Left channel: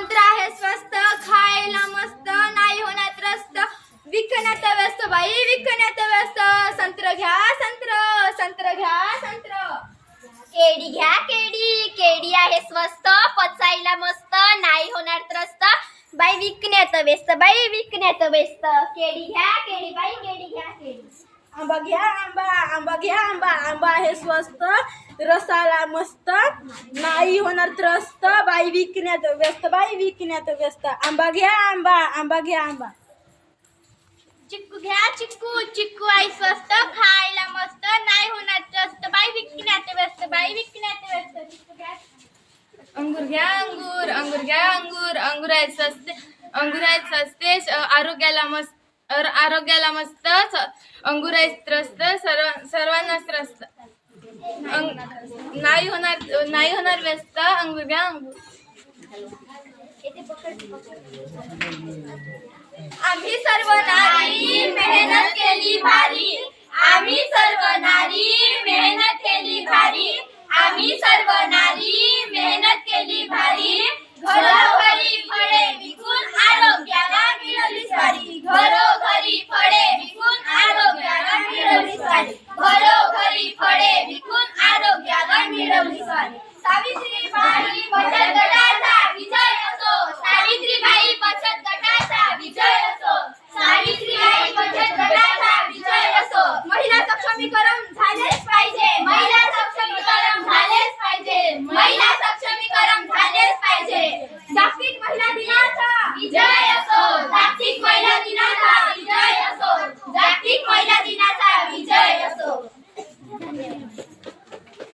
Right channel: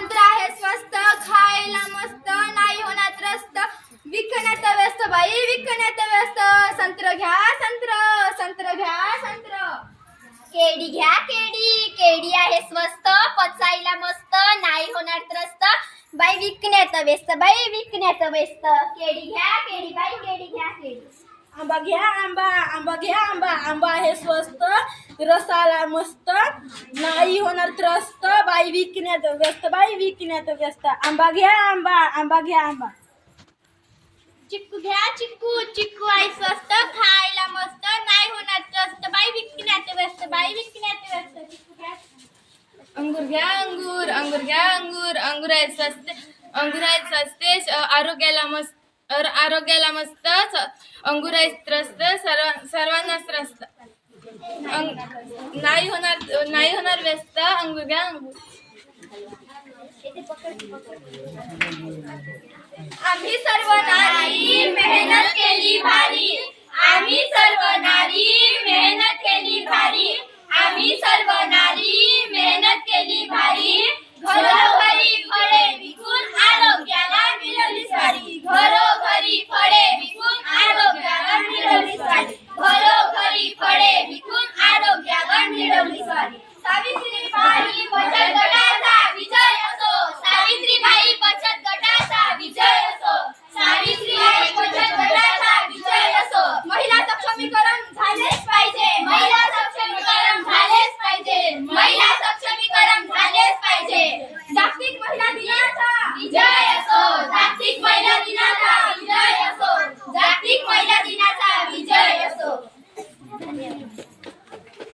संत्र आहे स्वस्त, खायला मस्त, नाही होणार त्रस्त, विकण्यात व्यस्त बाई विकण्यात व्यस्त. संत्र घ्या संत्र, संत्र घ्या संत्र. केळी घ्या केळी, केळी आहे स्वस्त, पचायला मस्त, नाही होणार त्रस्त, बाई विकण्यात व्यस्त, बाई विकण्यात व्यस्त. केळी घ्या केळी, बाई केळी घ्या केळी. आंबा घ्या आंबा, आंबा घ्या आंबा, आंबा आहे स्वस्त, रसाला मस्त, नाही होणार त्रस्त, बाई विकण्यात व्यस्त, बाई विकण्यात व्यस्त. आंबा घ्या आंबा, आंबा घ्या आंबा. चिक्कू घ्या चिक्कू, चिक्कू आहे स्वस्त, खायला मस्त, नाही होणार त्रस्त, बाई विकण्यात व्यस्त, बाई विकण्यात व्यस्त. चिक्कू घ्या. अंगूर घ्या अंगूर, अंगूर घ्या अंगूर, अंगूर आहेत स्वस्ते, अंगूर आहेत स्वस्ते, आरोग्याला मस्त, आरोग्याला मस्त, अंगूर आहेत त्रस्त, सर्वांनाच त्रस्त, नाही होणार व्यस्त. अंगूर घ्या अंगूर. आम्ही सर्व नारी मेहनत केली भारी, आम्ही सर्व नारी मेहनत केली भारी, आम्ही सर्व नारी मेहनत केली भारी. घरोघरी फळे विकून आरोग्याला मिळवली सारी, घरोघरी फळे विकून आरोग्याला मिळवली सारी, घरोघरी फळे विकून आरोग्याला मिळवली सारी. सावित्री